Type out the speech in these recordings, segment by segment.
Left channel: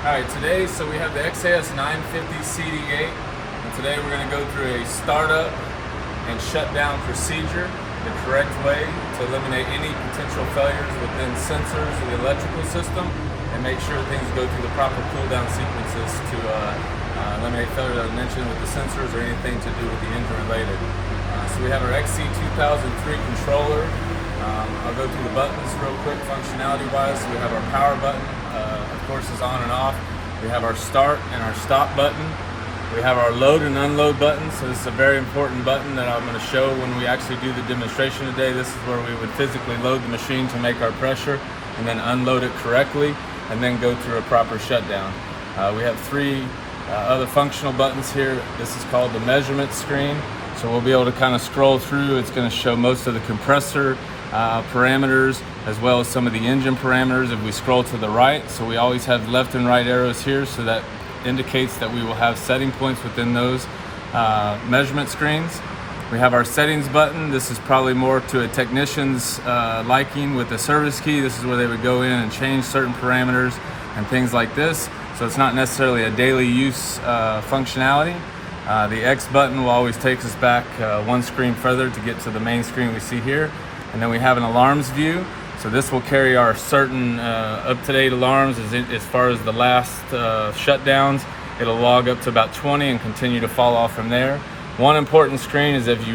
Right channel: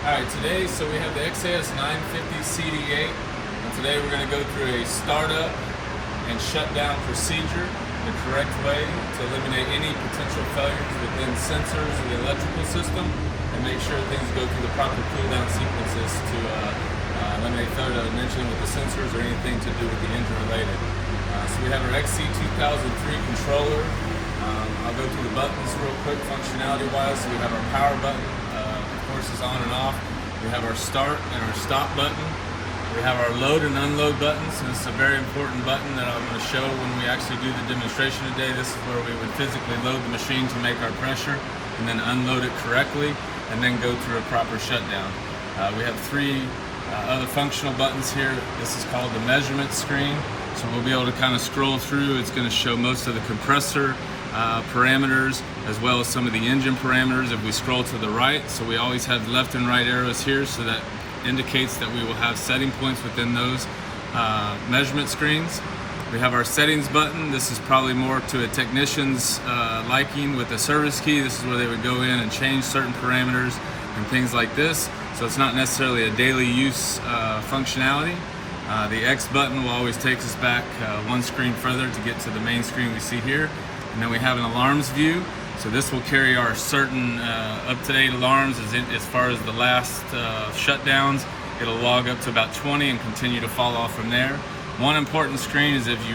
Alright, today, we have the XAS950 CD8, and today we're going to go through a startup and shutdown procedure, the correct way to eliminate any potential failures within sensors of the electrical system, and make sure things go through the proper cool-down sequences to eliminate failure, as I mentioned, with the sensors or anything to do with the engine related. So we have our XC2003 controller. I'll go through the buttons real quick functionality-wise. So we have our power button, of course, is on and off. We have our start and our stop button. We have our load and unload button. So this is a very important button that I'm going to show when we actually do the demonstration today. This is where we would physically load the machine to make our pressure and then unload it correctly and then go through a proper shutdown. We have three other functional buttons here. This is called the measurement screen. So we'll be able to kind of scroll through. It's going to show most of the compressor parameters as well as some of the engine parameters if we scroll to the right. So we always have left and right arrows here, so that indicates that we will have setting points within those measurement screens. We have our settings button. This is probably more to a technician's liking with the service key. This is where they would go in and change certain parameters and things like this. So it's not necessarily a daily use functionality. The X button will always take us back one screen further to get to the main screen we see here. And then we have an alarms view. So this will carry our certain up-to-date alarms as far as the last shutdowns. It'll log up to about 20 and continue to fall off from there. One important screen is if you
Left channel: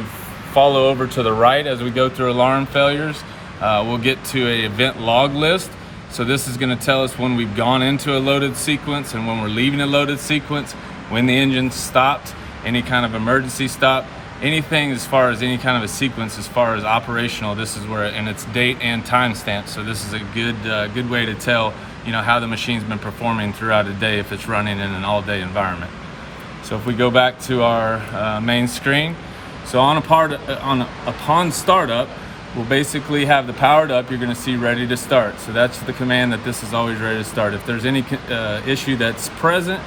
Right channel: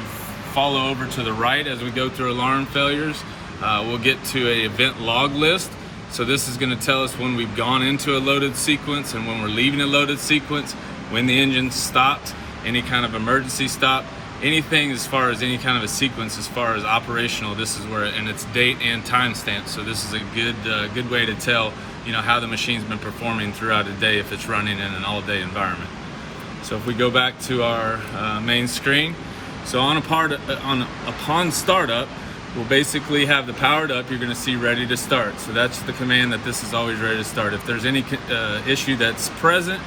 follow over to the right as we go through alarm failures, we'll get to an event log list. So this is going to tell us when we've gone into a loaded sequence and when we're leaving a loaded sequence, when the engine stopped, any kind of emergency stop, anything as far as any kind of a sequence as far as operational. This is where, and it's date and time stamp. So this is a good way to tell, how the machine's been performing throughout a day if it's running in an all-day environment. So if we go back to our main screen, so upon startup, we'll basically have the powered up. You're going to see ready to start. So that's the command that this is always ready to start. If there's any issue that's present,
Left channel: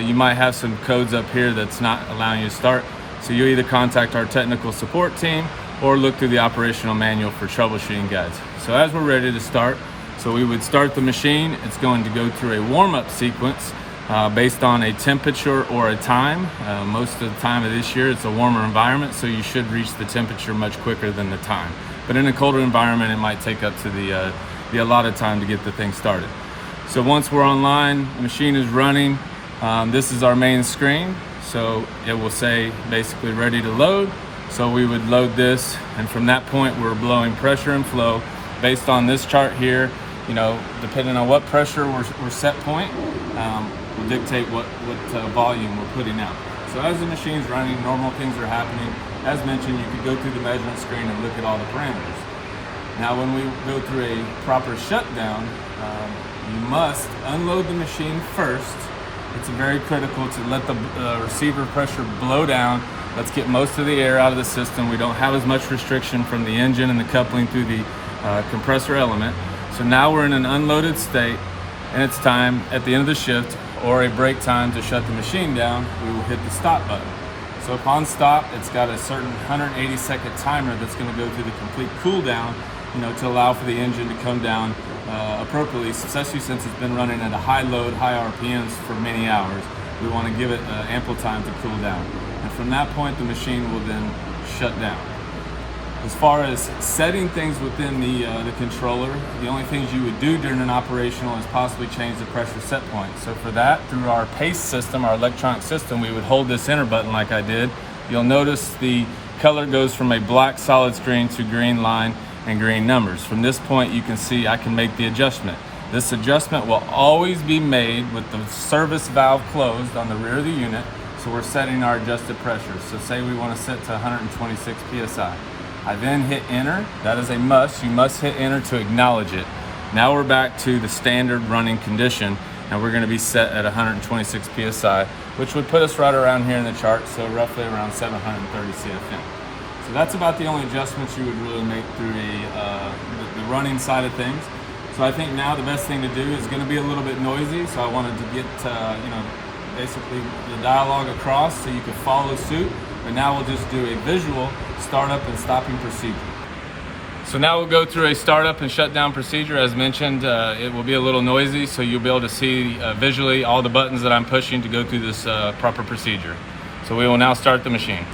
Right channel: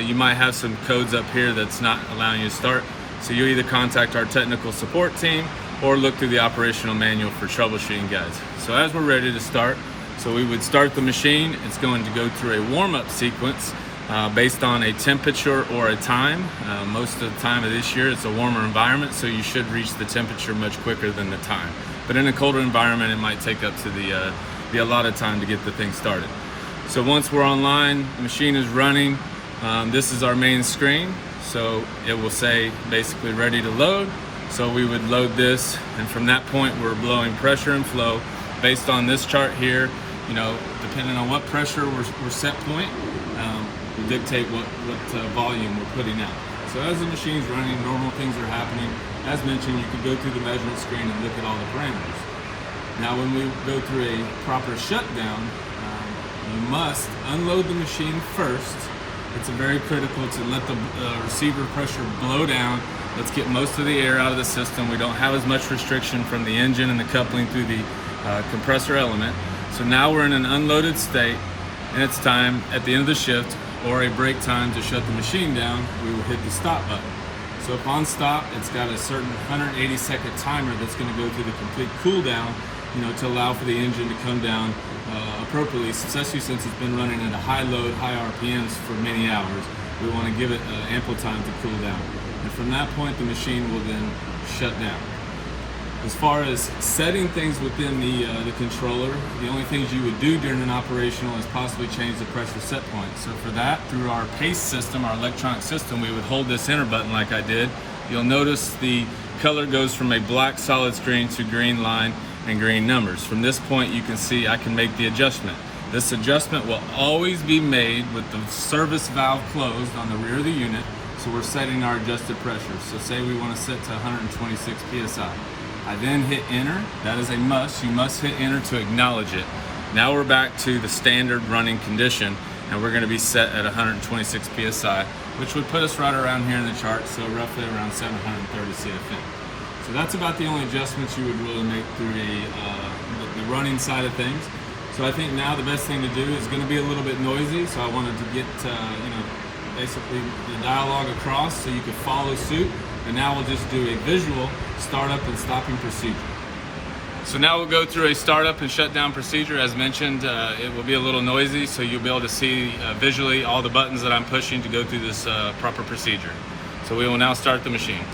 you might have some codes up here that's not allowing you to start. So you either contact our technical support team or look through the operational manual for troubleshooting guides. So as we're ready to start, so we would start the machine. It's going to go through a warm-up sequence based on a temperature or a time. Most of the time of this year, it's a warmer environment, so you should reach the temperature much quicker than the time. But in a colder environment, it might take up to the allotted time to get the thing started. So once we're online, the machine is running. This is our main screen. So it will say basically ready to load. So we would load this, and from that point we're blowing pressure and flow based on this chart here. Depending on what pressure we're set point, will dictate what volume we're putting out. So as the machine's running, normal things are happening. As mentioned, you could go through the measurement screen and look at all the parameters. Now when we go through a proper shutdown, you must unload the machine first. It's very critical to let the receiver pressure blow down. Let's get most of the air out of the system. We don't have as much restriction from the engine and the coupling through the compressor element. So now we're in an unloaded state, and it's time at the end of the shift or a break time to shut the machine down. We will hit the stop button. So upon stop, it's got a certain 180-second timer that's going to go through the complete cool down, to allow for the engine to come down appropriately, especially since it's been running at a high load, high RPMs for many hours. We want to give it ample time to cool down. And from that point, the machine will then shut down. As far as setting things within the controller, the only things you would do during an operational is possibly change the pressure set point. So for that, through our PACE system, our electronic system, we would hold this enter button like I did. You'll notice the color goes from a black solid screen to green line and green numbers. From this point, you can see I can make the adjustment. This adjustment will always be made with the service valve closed on the rear of the unit. So we're setting our adjusted pressure. So say we want to set to 126 PSI. I then hit enter. That is a must. You must hit enter to acknowledge it. Now we're back to the standard running condition, and we're going to be set at 126 PSI, which would put us right around here in the chart, so roughly around 730 CFM. So that's about the only adjustments you would really make through the running side of things. So I think now the best thing to do is going to be a little bit noisy, so I wanted to get basically the dialogue across so you could follow suit. And now we'll just do a visual startup and stopping procedure. So now we'll go through a startup and shutdown procedure. As mentioned, it will be a little noisy, so you'll be able to see visually all the buttons that I'm pushing to go through this proper procedure. So we will now start the machine.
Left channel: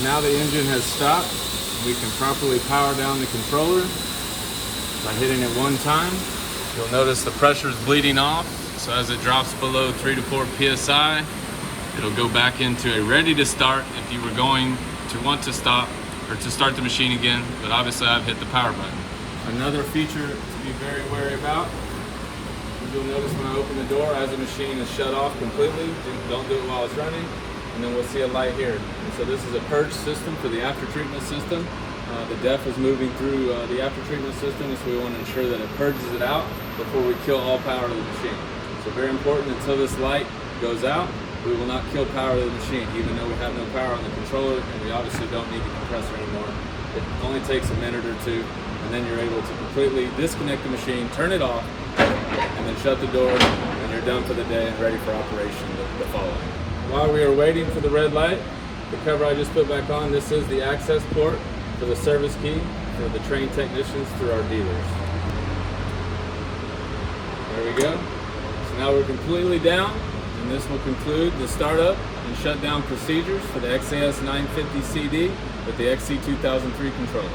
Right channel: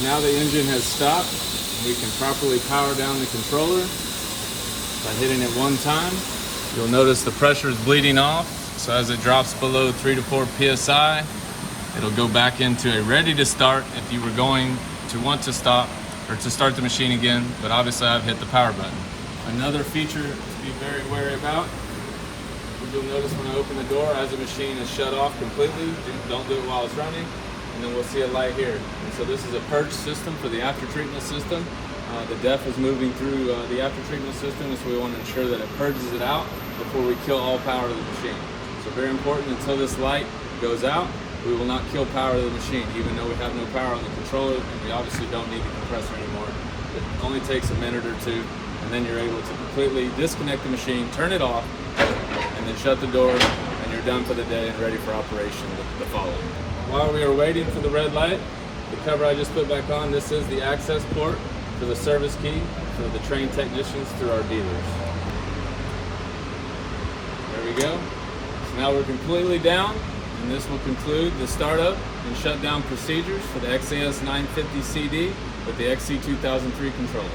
So now the engine has stopped. We can properly power down the controller by hitting it one time. You'll notice the pressure is bleeding off. So as it drops below 3 to 4 PSI, it'll go back into a ready to start if you were going to want to stop or to start the machine again, but obviously I've hit the power button. Another feature to be very wary about, you'll notice when I open the door, as the machine is shut off completely, don't do it while it's running, and then we'll see a light here. And so this is a purge system for the after treatment system. The DEF is moving through the after treatment system, so we want to ensure that it purges it out before we kill all power to the machine. So very important, until this light goes out, we will not kill power to the machine, even though we have no power on the controller, and we obviously don't need the compressor anymore. It only takes a minute or two, and then you're able to completely disconnect the machine, turn it off, and then shut the door, and you're done for the day and ready for operation the following. While we are waiting for the red light, the cover I just put back on, this is the access port for the service key for the trained technicians through our dealers. There we go. So now we're completely down, and this will conclude the startup and shutdown procedures for the XAS950 CD with the XC2003 controller.